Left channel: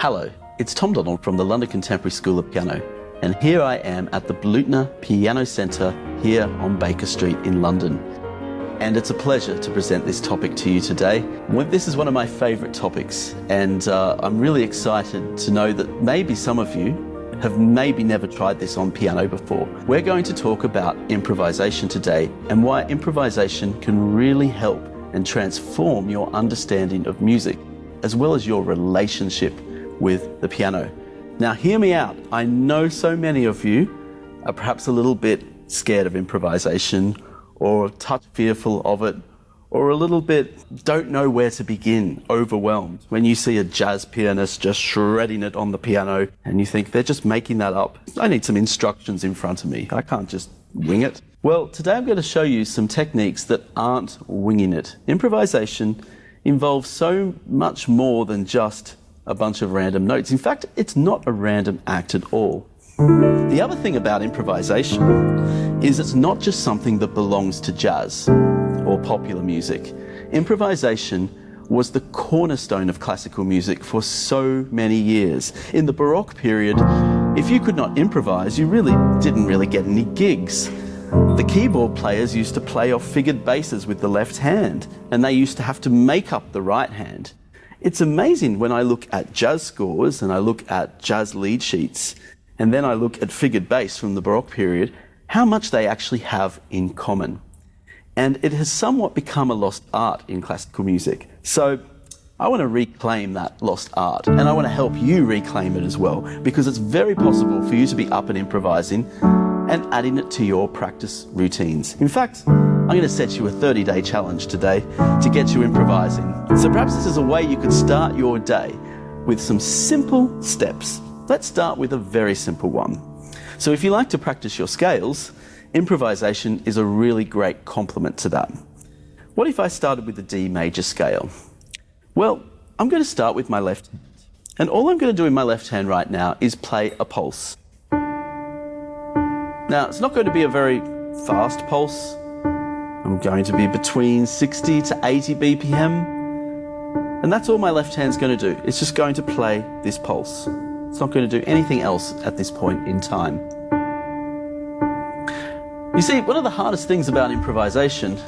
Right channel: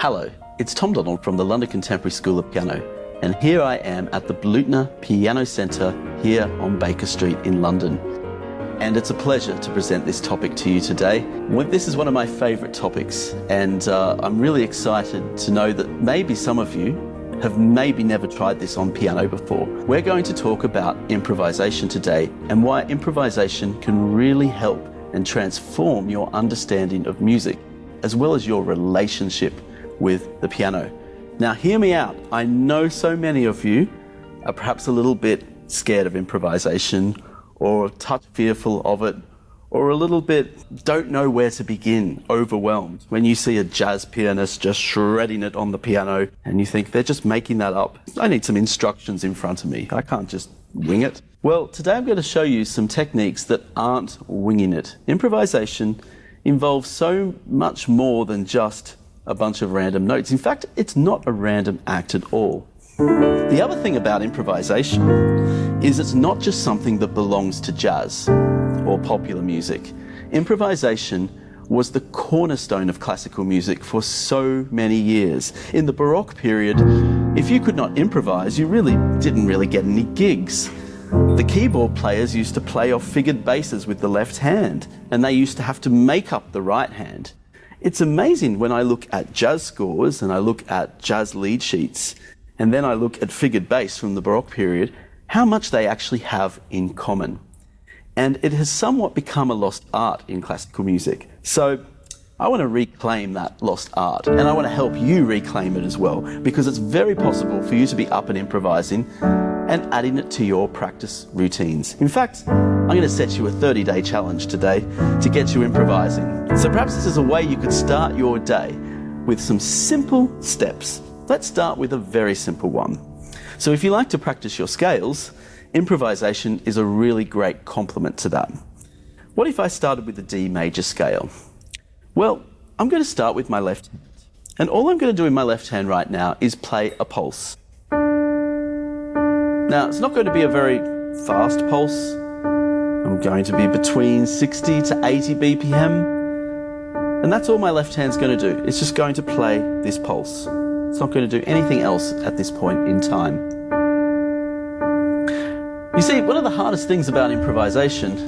Hello, it's Tom Donald from the London Contemporary School of Piano, and here I am at the Blutner Piano Centre here on Baker Street in London. And it's a pleasure to present this topic to you today. This is one of my favourite topics, and I'm really excited to know that maybe some of you have maybe never tried this on piano before. We're going to talk about improvisation today and why improvisation can really help and transform your understanding of music, as well as your relationship with the piano. Now hear me out. I know so many of you are perhaps a little bit scared of improvisation, or a touch fearful of it, or a little bit don't know where to begin, overwhelmed when you see a jazz pianist just shredding it on the piano and you think they're just making that up. I need some instructions in front of me. I can't just wing it. Well, today I'm going to show you some techniques that aren't winging it. Improvisation involves so much more than just a bunch of random notes. In fact, it's not a random act at all. The other thing about improvisation is it's not just something that belongs to jazz or popular music. Improvisation was the cornerstone of classical music for so many years. In the Baroque period, if you could not improvise, you didn't really get any gigs. The keyboard players used to play off figured basses with the left hand, and they used to have to make up the right hand. It's amazing when I look at jazz scores and I look at jazz lead sheets, and then I look at figured bass from the Baroque period, how much they actually have in common. And it has somewhat become a lost art in classical music. So I want to reclaim that lost art, and I want to help you reclaim it as well, because it's very possible for you to be up and improvising and adding it to your practice routines. In fact, I'm going to set you a 30-day challenge today to get you improvising. So perhaps this is a way you could start your day with some simple steps. Let's start with a very simple one. So if you like to practice your scales, improvisation is a really great complement to that. What if I started with the D major scale? Well, I'm going to start with my left hand. And all I'm going to do in my left hand right now is play a pulse. Now, it's not going to be a very fast pulse. I'm going to be between 60 to 80 BPM. And that's all my left hand's going to do. It's just going to play this pulse. It's not going to do anything else at this point in time. You see, one of the hardest things about improvisation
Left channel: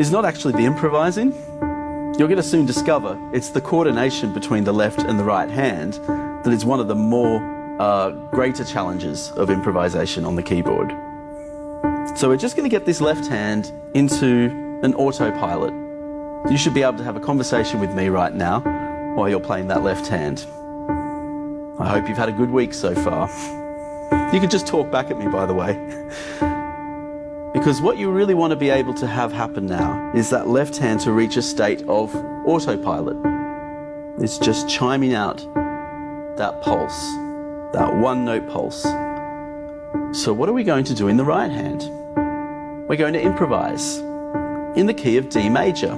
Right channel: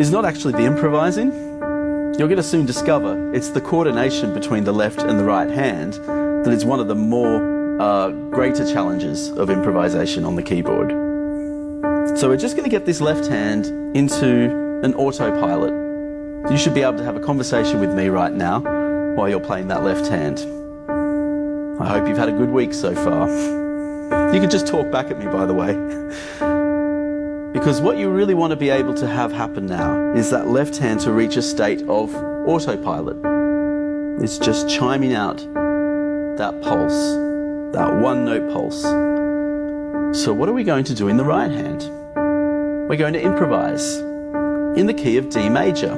is not actually the improvising. You're going to soon discover it's the coordination between the left and the right hand that is one of the more greater challenges of improvisation on the keyboard. So we're just going to get this left hand into an autopilot. You should be able to have a conversation with me right now while you're playing that left hand. I hope you've had a good week so far. You can just talk back at me, by the way. Because what you really want to be able to have happen now is that left hand to reach a state of autopilot. It's just chiming out that pulse, that one note pulse. So what are we going to do in the right hand? We're going to improvise in the key of D major.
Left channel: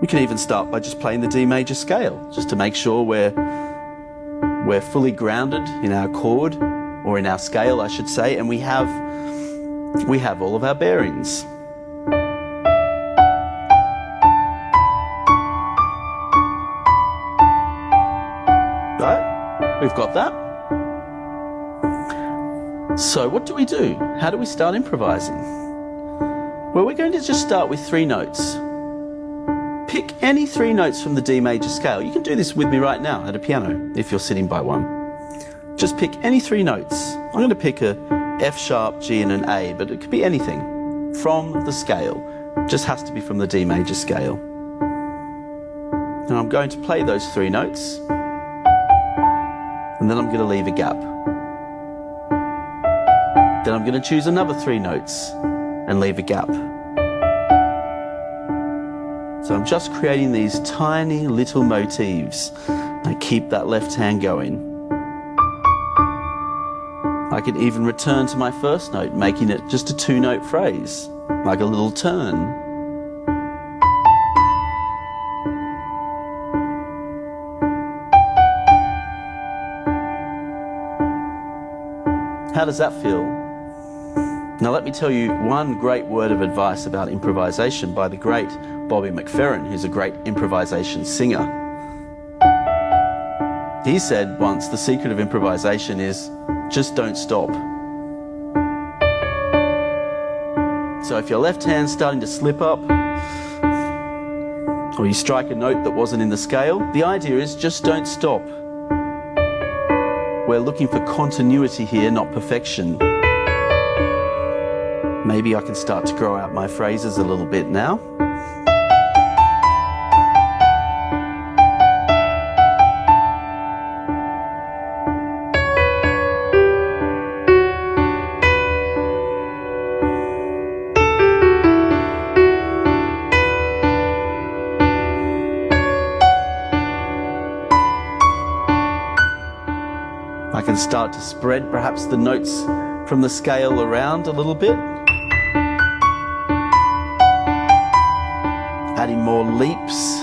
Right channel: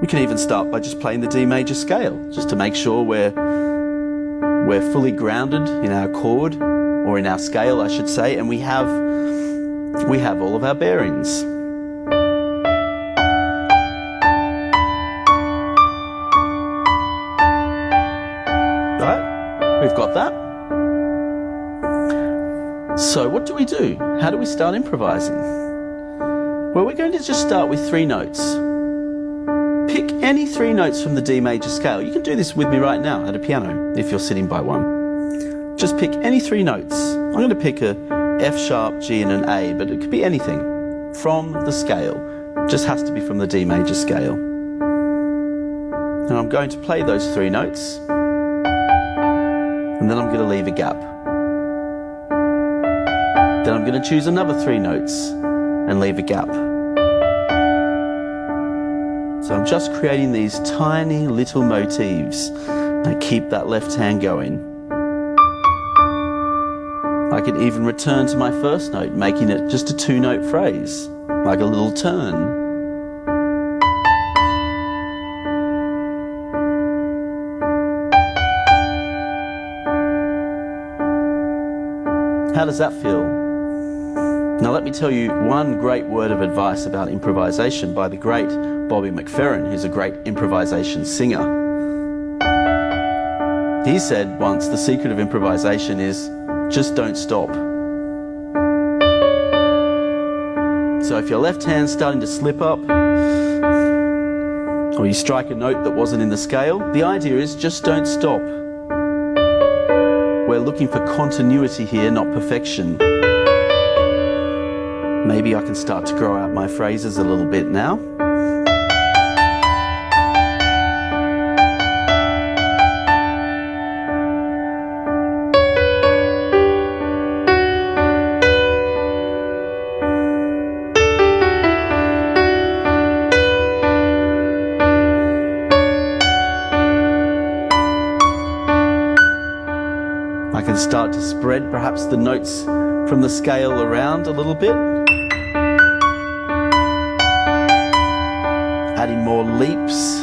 We can even start by just playing the D major scale, just to make sure we're fully grounded in our chord, or in our scale, I should say, and we have all of our bearings. Right? We've got that. So what do we do? How do we start improvising? Well, we're going to just start with 3 notes. Pick any 3 notes from the D major scale. You can do this with me right now at a piano if you're sitting by one. Just pick any 3 notes. I'm going to pick a F sharp, G and an A, but it could be anything from the scale. It just has to be from the D major scale. And I'm going to play those 3 notes, and then I'm going to leave a gap. Then I'm going to choose another 3 notes and leave a gap. So I'm just creating these tiny little motifs. I keep that left hand going. I could even return to my first note, making it just a 2-note phrase, like a little turn. How does that feel? Now let me tell you one great word of advice about improvisation by the great Bobby McFerrin, who's a great improvisation singer. He said once, the secret of improvisation is just don't stop. So if your left hand's starting to slip up, or you strike a note that wasn't in the scale, the idea is just don't stop. We're looking for continuity here, not perfection. Maybe I can start to grow out my phrases a little bit now. I can start to spread perhaps the notes from the scale around a little bit. Adding more leaps.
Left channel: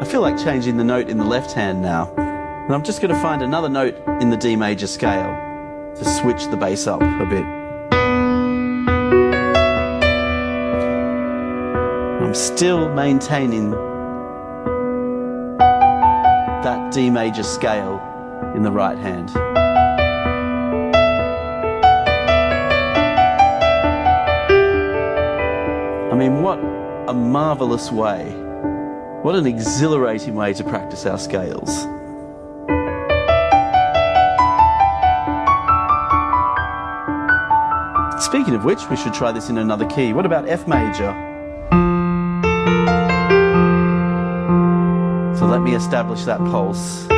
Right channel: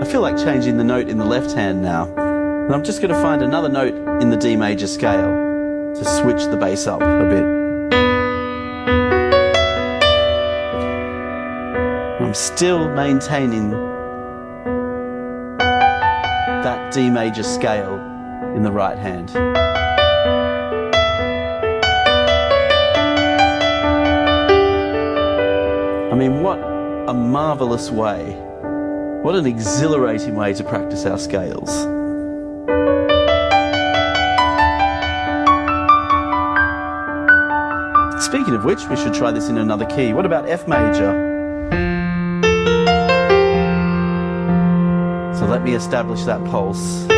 I feel like changing the note in the left hand now. And I'm just going to find another note in the D major scale to switch the bass up a bit. I'm still maintaining that D major scale in the right hand. I mean, what a marvelous way. What an exhilarating way to practice our scales. Speaking of which, we should try this in another key. What about F major? So let me establish that pulse.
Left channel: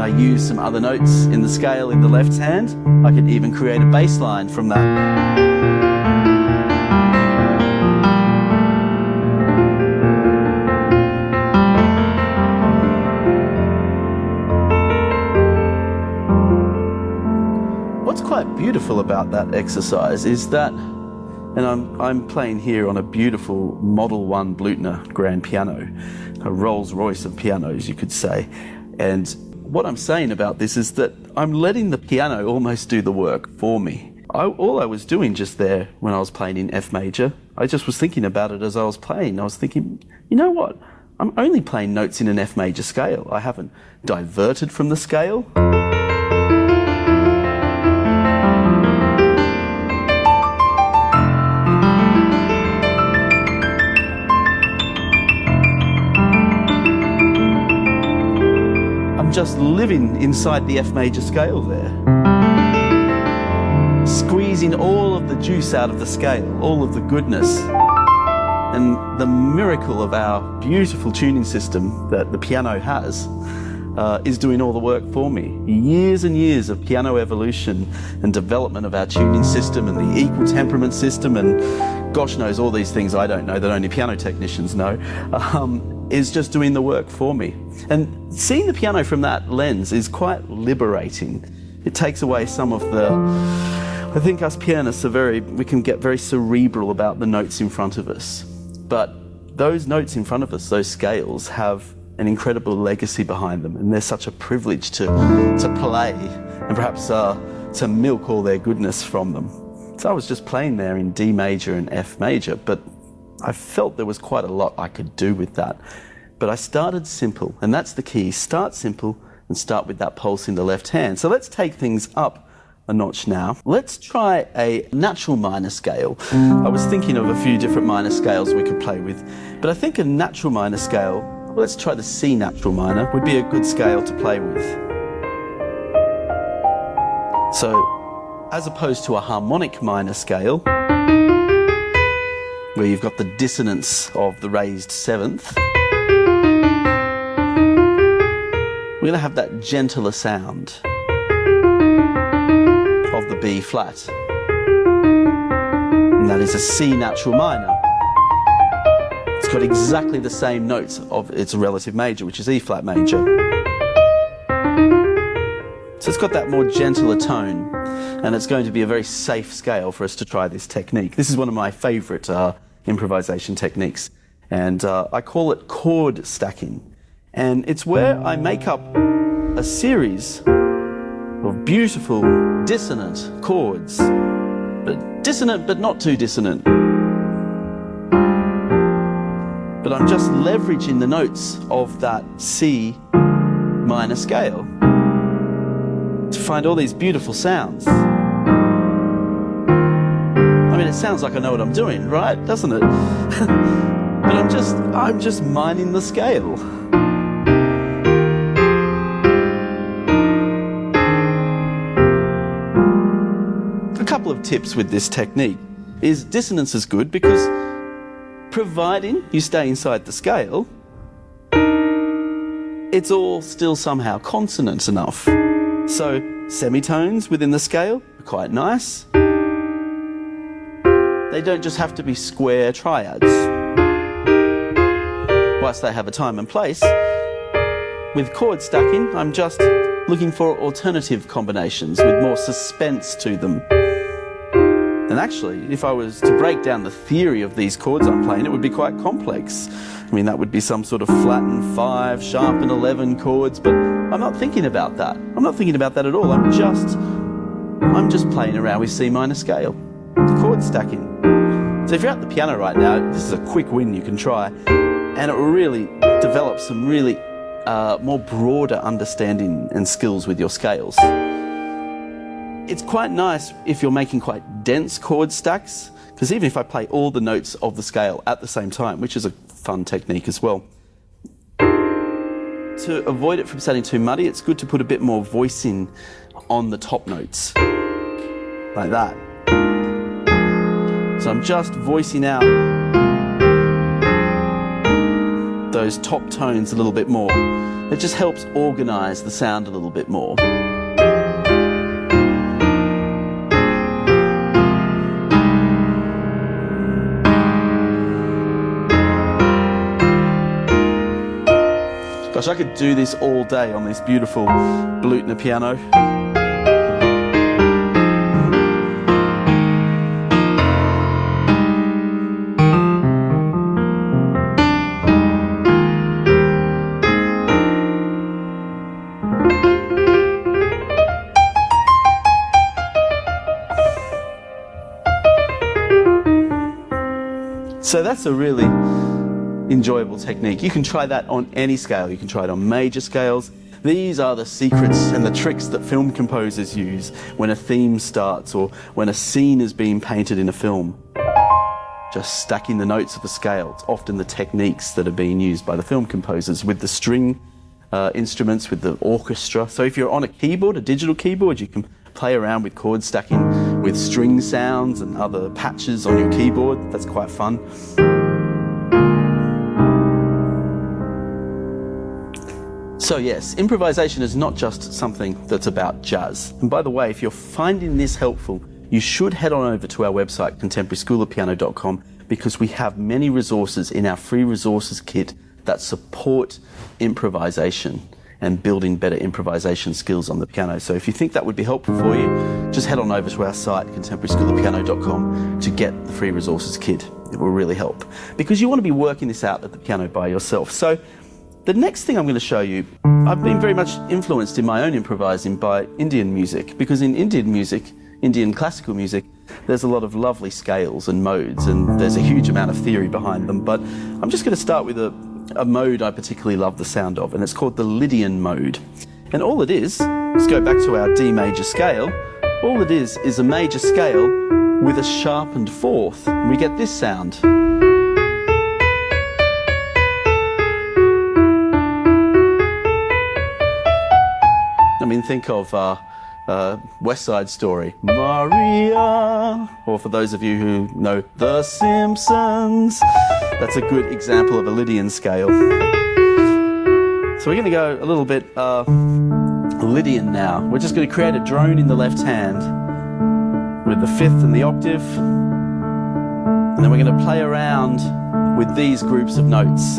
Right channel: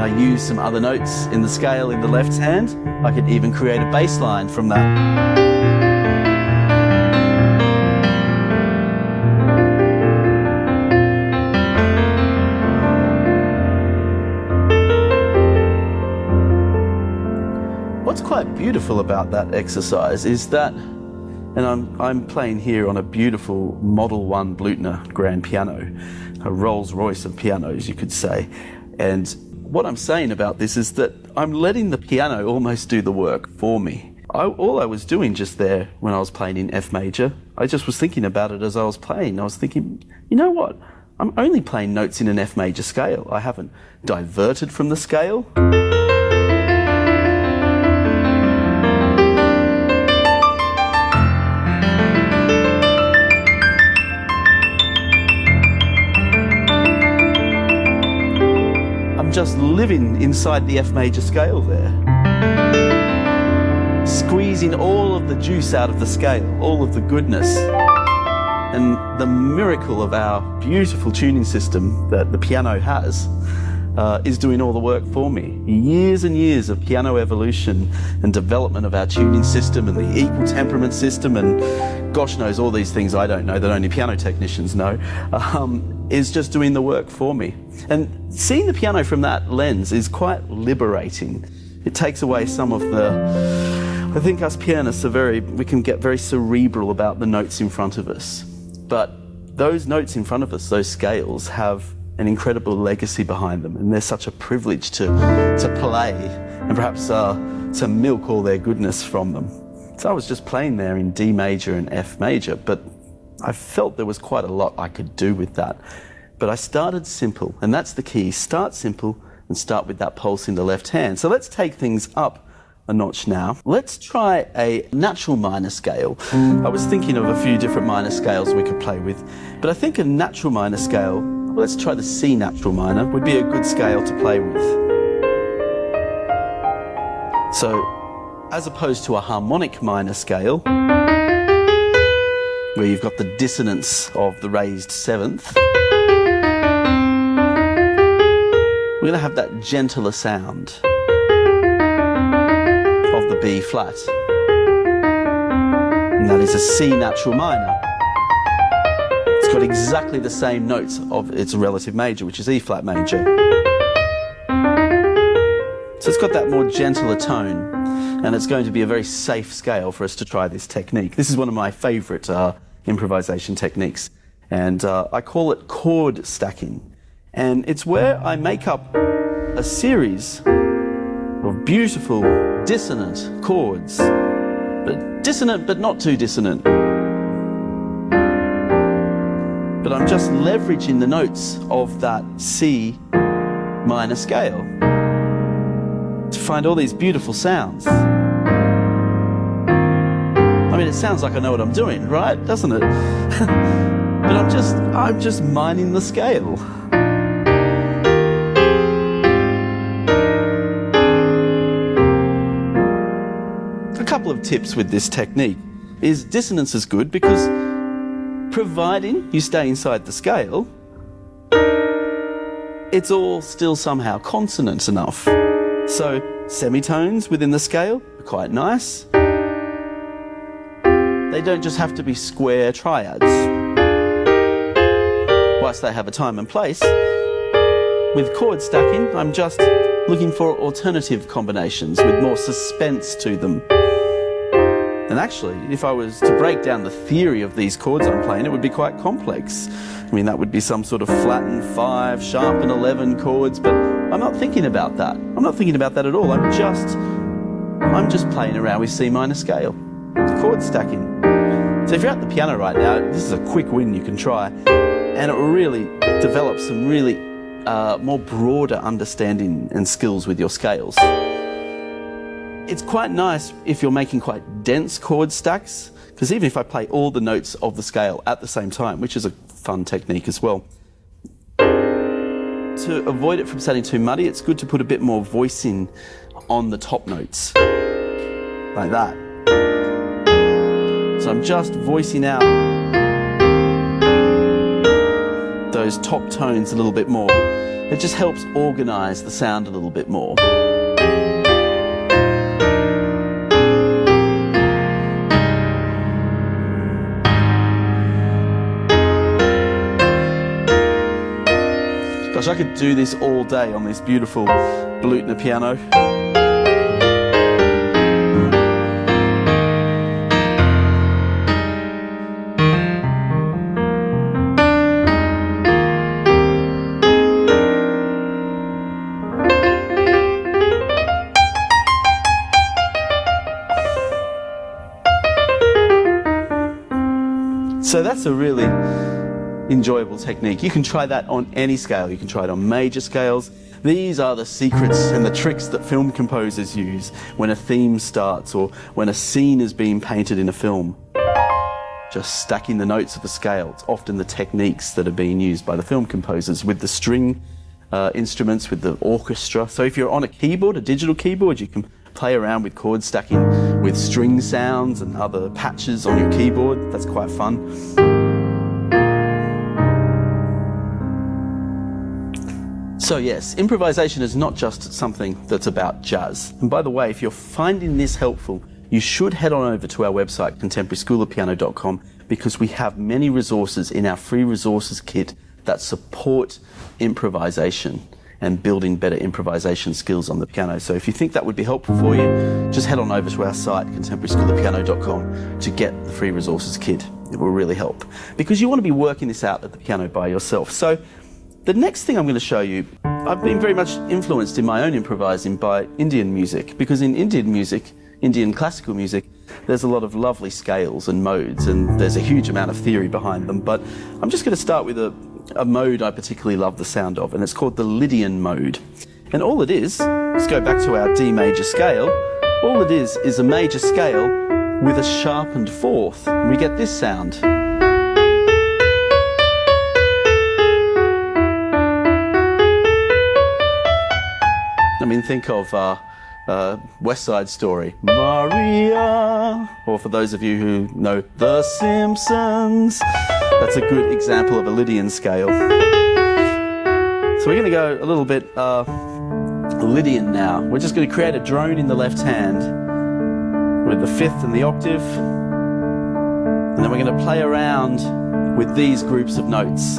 I use some other notes in the scale in the left hand. I could even create a bass line from that. What's quite beautiful about that exercise is that, and I'm playing here on a beautiful Model 1 Blüthner grand piano, a Rolls Royce of pianos, you could say. And what I'm saying about this is that I'm letting the piano almost do the work for me. All I was doing just there when I was playing in F major, I just was thinking about it as I was playing. I was thinking, you know what? I'm only playing notes in an F major scale. I haven't diverted from the scale. Just living inside the F major scale there. Squeezing all of the juice out of the scale, all of the goodness. And the miracle of our beautiful tuning system that the piano has is doing all the work for me. Years and years of piano evolution and development of our tuning system and the equal temperament system and gosh knows all these things I don't know that only piano technicians know, is just doing the work for me. And seeing the piano from that lens is quite liberating. It takes away some of the, I think us pianists we can get very cerebral about the notes in front of us. But those notes in front of us, those scales, have an incredible legacy behind them. And they're such a privilege to play and perhaps to milk all their goodness from them. So I was just playing there in D major and F major, but I felt there was quite a lot I could do with that. But I started simple, and that's the key. Start simple and start with that pulse in the left hand. So let's take things up a notch now. Let's try a natural minor scale. I was thinking of a few different minor scales we could play with, but I think a natural minor scale, let's try the C natural minor, would be a good scale to play with. So, as opposed to a harmonic minor scale, where you've got the dissonance of the raised seventh, we're going to have that gentler sound of the B flat. And that is a C natural minor. It's got exactly the same notes of its relative major, which is E flat major. So it's got that more gentler tone, and it's going to be a very safe scale for us to try this technique. This is one of my favourite improvisation techniques, and I call it chord stacking. And it's where I make up a series of beautiful dissonant chords, but dissonant but not too dissonant. But I'm just leveraging the notes of that C minor scale to find all these beautiful sounds. I mean, it sounds like I know what I'm doing, right? Doesn't it? But I'm just mining the scale. A couple of tips with this technique is dissonance is good because providing you stay inside the scale, it's all still somehow consonant enough. So semitones within the scale are quite nice. They don't just have to be square triads. Whilst they have a time and place, with chord stacking, I'm just looking for alternative combinations with more suspense to them. And actually, if I was to break down the theory of these chords I'm playing, it would be quite complex. I mean, that would be some sort of flattened 5, sharpened 11 chords, but I'm not thinking about that. I'm not thinking about that at all. I'm just playing around with C minor scale, chord stacking. So if you're at the piano right now, this is a quick win you can try, and it will really develop some really more broader understanding and skills with your scales. It's quite nice if you're making quite dense chord stacks, because even if I play all the notes of the scale at the same time, which is a fun technique as well, to avoid it from sounding too muddy, it's good to put a bit more voicing on the top notes, like that. So I'm just voicing out those top tones a little bit more. It just helps organise the sound a little bit more. Gosh, I could do this all day on this beautiful Blüthner piano. So that's a really enjoyable technique. You can try that on any scale. You can try it on major scales. These are the secrets and the tricks that film composers use when a theme starts or when a scene is being painted in a film. Just stacking the notes of a scale. It's often the techniques that are being used by the film composers with the string instruments, with the orchestra. So if you're on a keyboard, a digital keyboard, you can play around with chord stacking with string sounds and other patches on your keyboard. That's quite fun. So yes, improvisation is not just something that's about jazz. And by the way, if you're finding this helpful, you should head on over to our website, contemporaryschoolofpiano.com, because we have many resources in our free resources kit that support improvisation and building better improvisation skills on the piano. So if you think that would be helpful for you, just head on over to our site, contemporaryschoolofpiano.com, to get the free resources kit. It will really help, because you want to be working this out at the piano by yourself. So the next thing I'm going to show you, I've been very much influenced in my own improvising by Indian music, because in Indian music, Indian classical music, there's a lot of lovely scales and modes, and there's a huge amount of theory behind them. But I'm just going to start with a mode I particularly love the sound of, and it's called the Lydian mode. And all it is, let's go back to our D major scale, all it is a major scale with a sharpened fourth. We get this sound. I mean, think of West Side Story, Maria, or for those of you who know The Simpsons, that's a good example of a Lydian scale. So we're going to go a little bit Lydian now. We're just going to create a drone in the left hand with the fifth and the octave, and then we're going to play around with these groups of notes.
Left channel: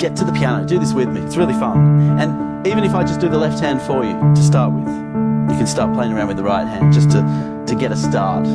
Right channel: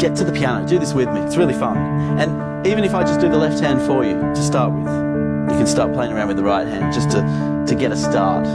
Get to the piano, do this with me, it's really fun. And even if I just do the left hand for you to start with, you can start playing around with the right hand just to get a start.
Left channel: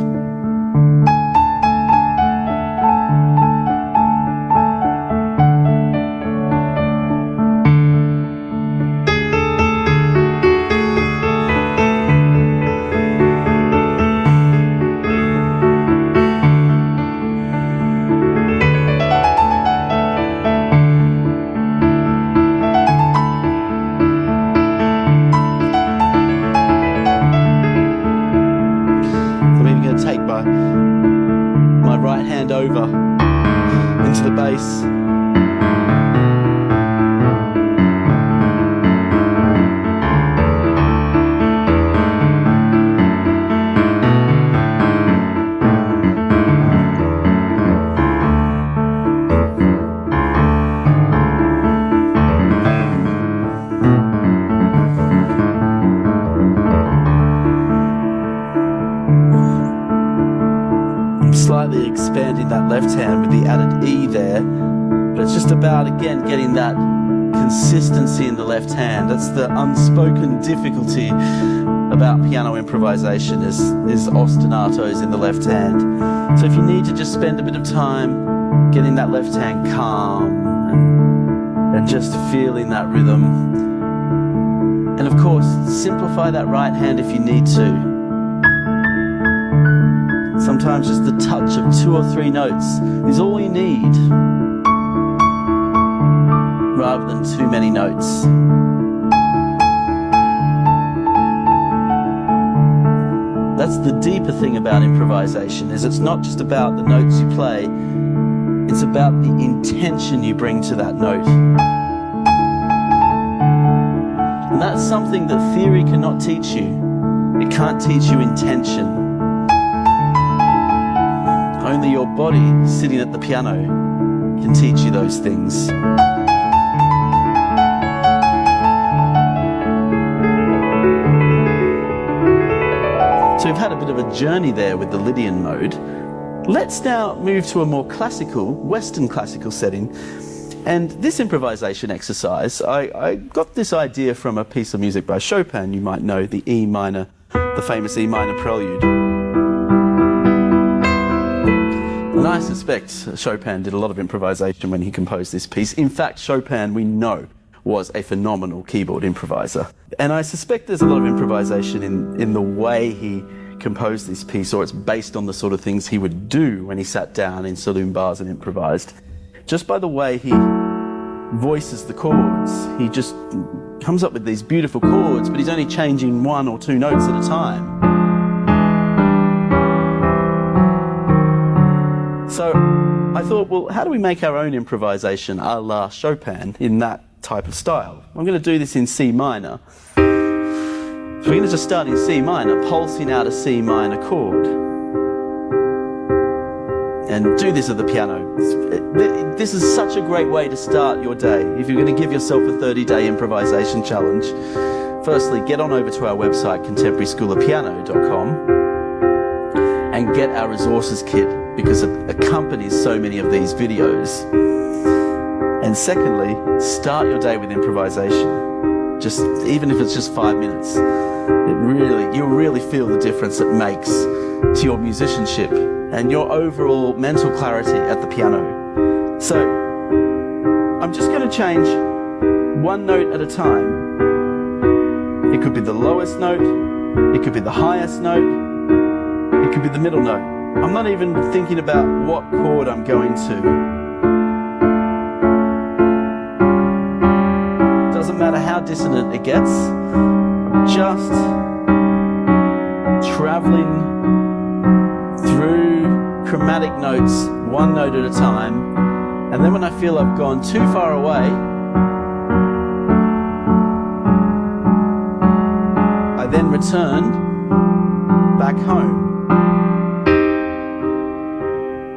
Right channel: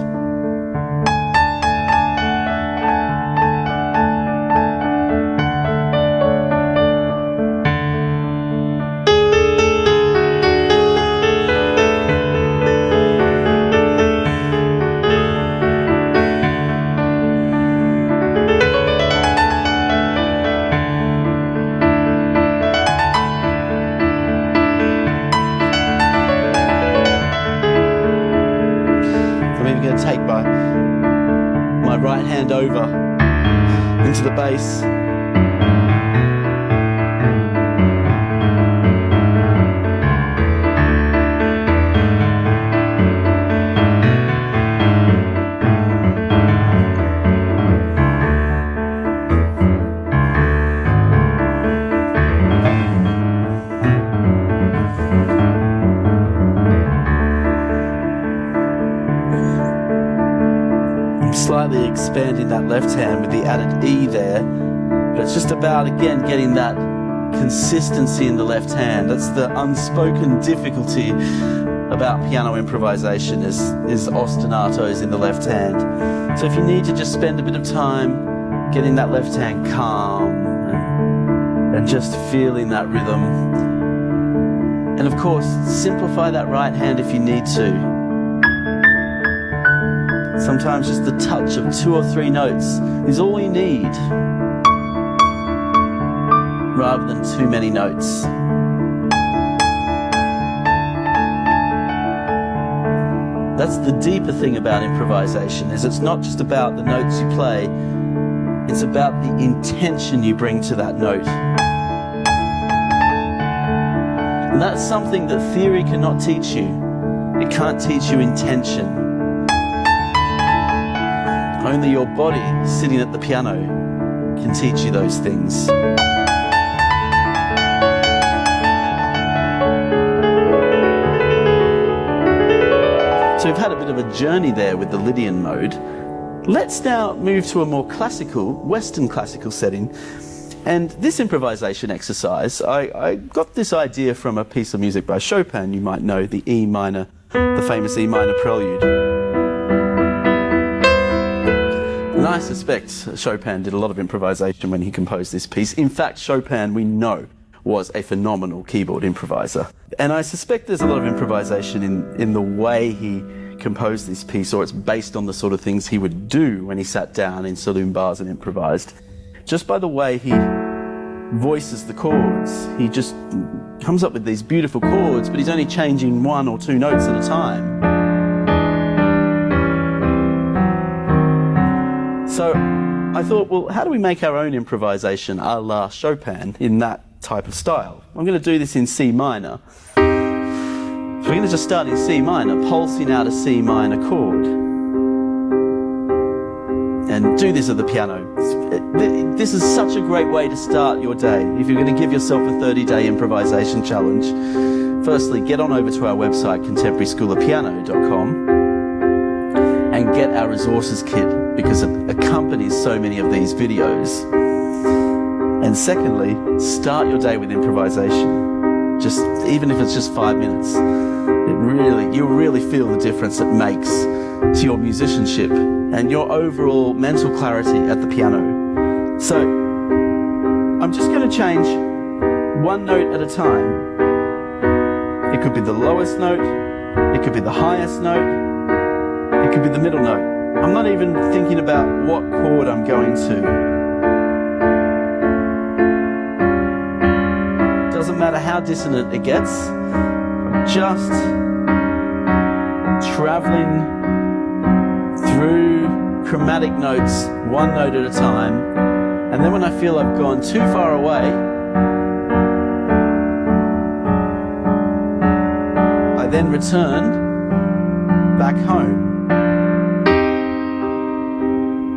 Take my right hand over into the bass. Slightly expanding that left hand with the added E there, but it's just about, again, getting that consistency in the left hand. That's the unspoken difficulty about piano improvisation is ostinatos in the left hand. So if you need to just spend a bit of time getting that left hand calm and just feeling that rhythm. And of course, simplify that right hand if you need to. Sometimes just the touch of 2 or 3 notes is all you need, rather than too many notes. That's the deeper thing about improvisation, is it's not just about the notes you play, it's about the intention you bring to that note. And that's something that theory cannot teach you. It can't teach you intention. Only your body sitting at the piano can teach you those things. So we've had a bit of a journey there with the Lydian mode. Let's now move to a more classical, Western classical setting. And this improvisation exercise, I got this idea from a piece of music by Chopin, you might know, the E minor, the famous E minor prelude. And I suspect Chopin did a lot of improvisation when he composed this piece. In fact, Chopin, we know, was a phenomenal keyboard improviser. And I suspect there's a lot of improvisation in the way he composed this piece, or it's based on the sort of things he would do when he sat down in saloon bars and improvised. Just by the way he voices the chords. He just comes up with these beautiful chords, but he's only changing 1 or 2 notes at a time. So I thought, well, how do we make our own improvisation a la Chopin in that type of style? I'm going to do this in C minor. So we're going to just start in C minor, pulsing out a C minor chord. And do this at the piano. This is such a great way to start your day. If you're going to give yourself a 30-day improvisation challenge, firstly, get on over to our website, contemporaryschoolofpiano.com, and get our resources kit, because it accompanies so many of these videos. And secondly, start your day with improvisation. Just, even if it's just 5 minutes, you'll really feel the difference it makes to your musicianship and your overall mental clarity at the piano. So, I'm just going to change 1 note at a time. It could be the lowest note, it could be the highest note, it could be the middle note. I'm not even thinking about what chord I'm going to. Doesn't matter how dissonant it gets. I'm just traveling through chromatic notes, 1 note at a time. And then when I feel I've gone too far away, I then return back home.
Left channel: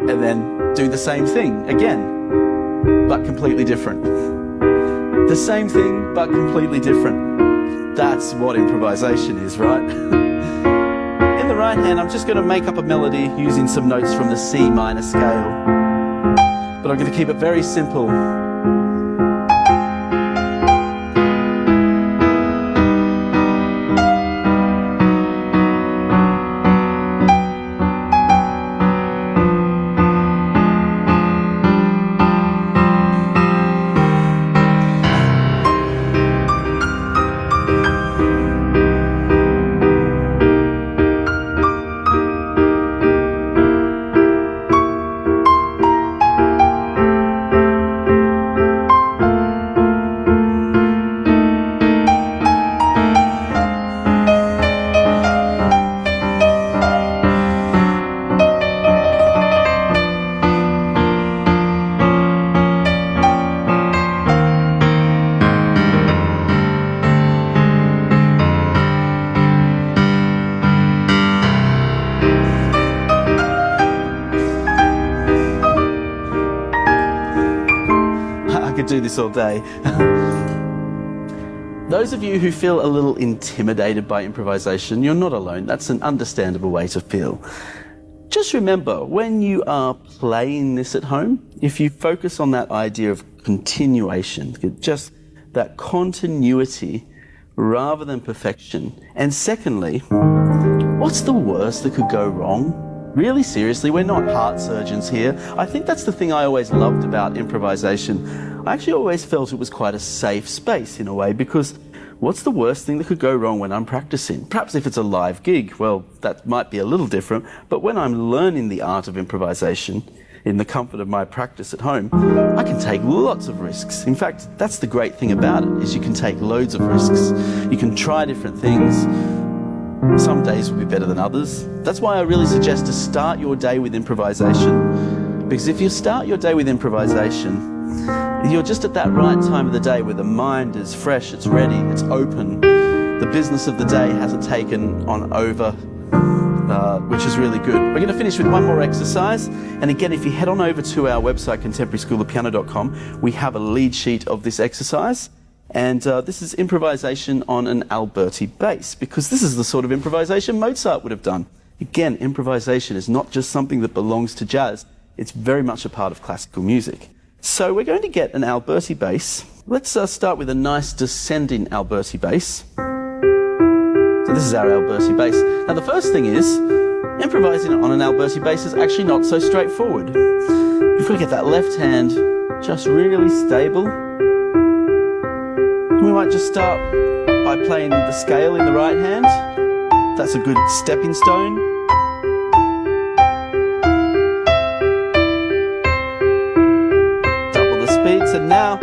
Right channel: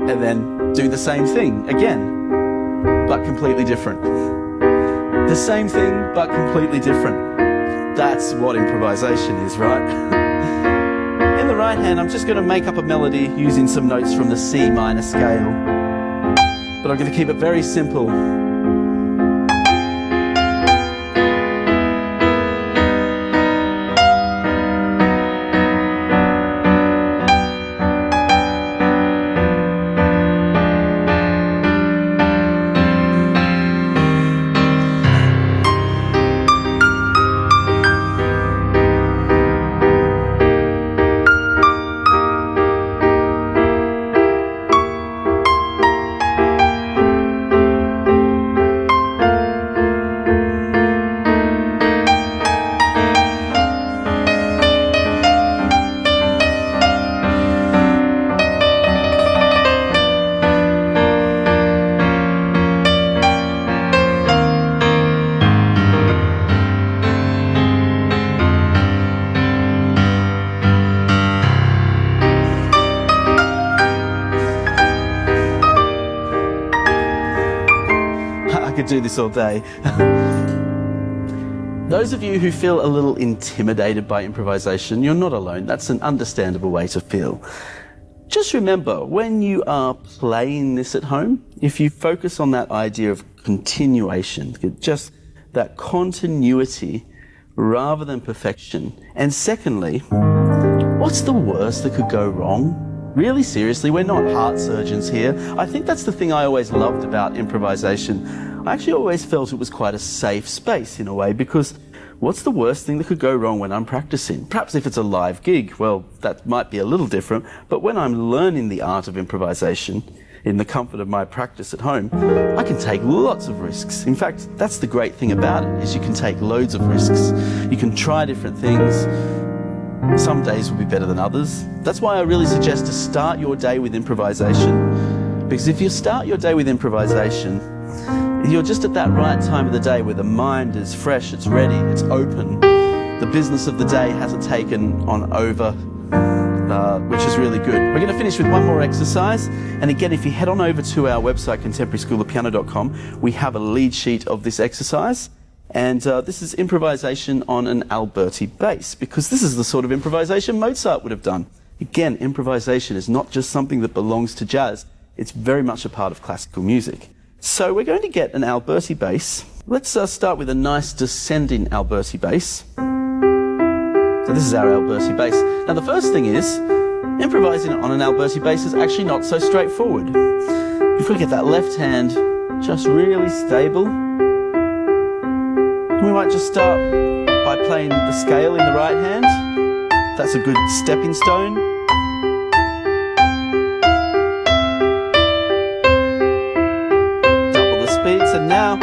And then do the same thing again, but completely different. The same thing, but completely different. That's what improvisation is, right? In the right hand, I'm just going to make up a melody using some notes from the C minor scale. But I'm going to keep it very simple. I could do this all day. Those of you who feel a little intimidated by improvisation, you're not alone. That's an understandable way to feel. Just remember, when you are playing this at home, if you focus on that idea of continuation, just that continuity rather than perfection. And secondly, what's the worst that could go wrong? Really, seriously, we're not heart surgeons here. I think that's the thing I always loved about improvisation. I actually always felt it was quite a safe space in a way, because what's the worst thing that could go wrong when I'm practicing? Perhaps if it's a live gig, well, that might be a little different, but when I'm learning the art of improvisation in the comfort of my practice at home, I can take lots of risks. In fact, that's the great thing about it, is you can take loads of risks. You can try different things. Some days will be better than others. That's why I really suggest to start your day with improvisation, because if you start your day with improvisation, you're just at that right time of the day where the mind is fresh, it's ready, it's open. The business of the day hasn't taken on over, which is really good. We're going to finish with one more exercise. And again, if you head on over to our website, contemporaryschoolofpiano.com, we have a lead sheet of this exercise. And this is improvisation on an Alberti bass, because this is the sort of improvisation Mozart would have done. Again, improvisation is not just something that belongs to jazz. It's very much a part of classical music. So we're going to get an Alberti bass. Let's start with a nice descending Alberti bass. So this is our Alberti bass. Now the first thing is, improvising on an Alberti bass is actually not so straightforward. You've got to get that left hand just really stable. We might just start by playing the scale in the right hand. That's a good stepping stone. Speed. So now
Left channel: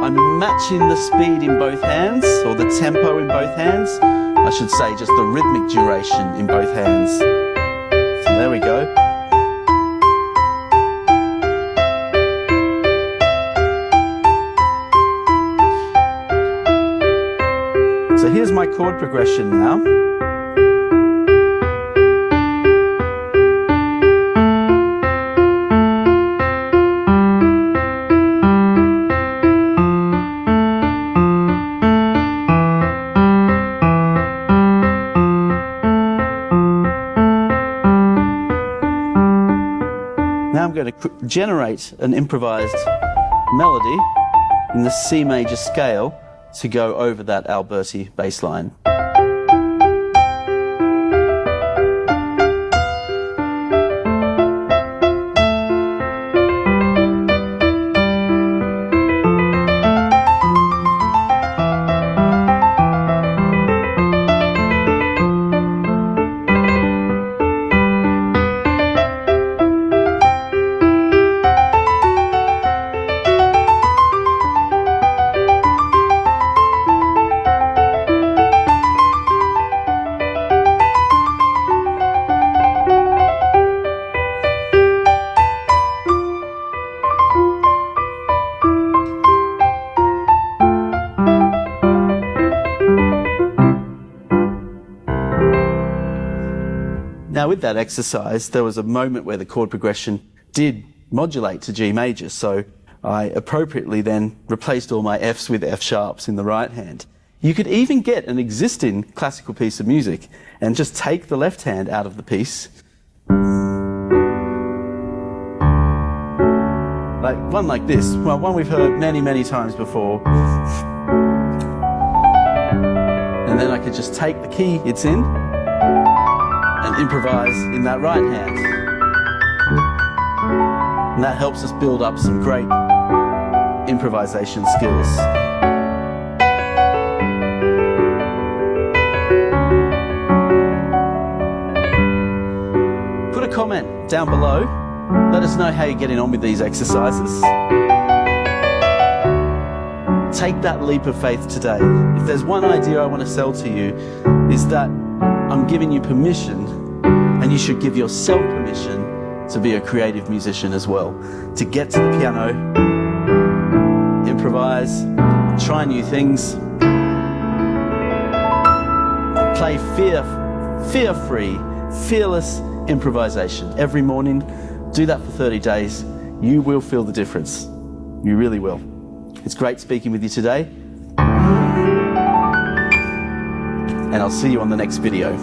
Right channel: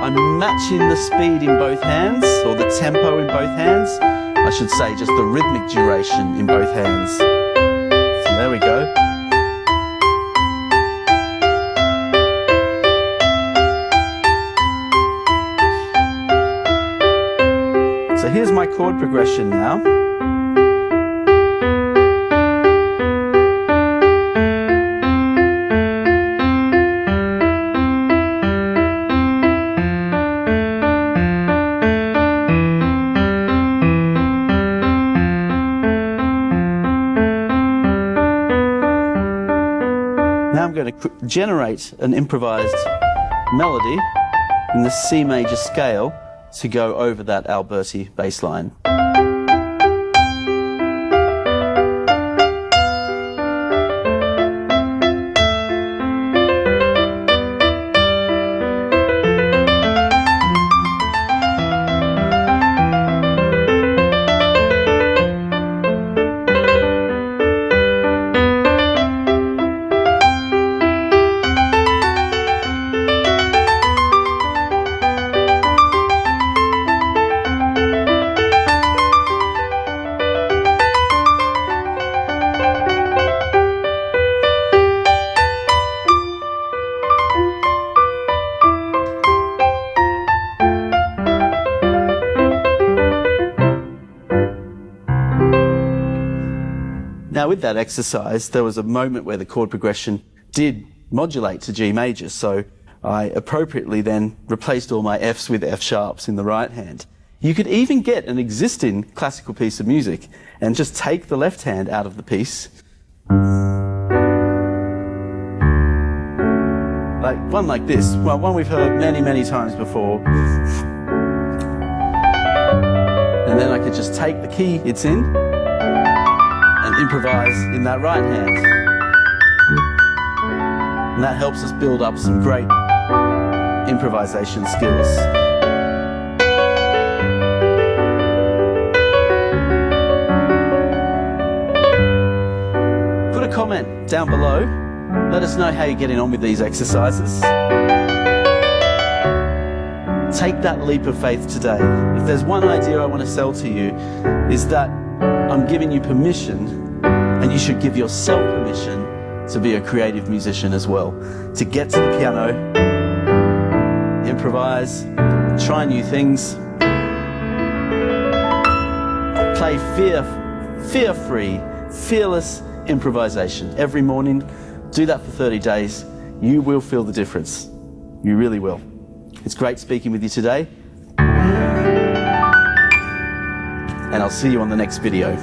I'm matching the speed in both hands, or the tempo in both hands. I should say just the rhythmic duration in both hands. So there we go. So here's my chord progression now. Now I'm going to generate an improvised melody in the C major scale to go over that Alberti bass line. Now with that exercise, there was a moment where the chord progression did modulate to G major, so I appropriately then replaced all my Fs with F sharps in the right hand. You could even get an existing classical piece of music and just take the left hand out of the piece. Like one like this, well, one we've heard many, many times before. And then I could just take the key it's in and improvise in that right hand. And that helps us build up some great improvisation skills. Put a comment down below. Let us know how you're getting on with these exercises. Take that leap of faith today. If there's one idea I want to sell to you, is that I'm giving you permission, and you should give yourself permission to be a creative musician as well. To get to the piano, improvise, try new things, play fear-free, fearless improvisation every morning. Do that for 30 days. You will feel the difference. You really will. It's great speaking with you today. And I'll see you on the next video.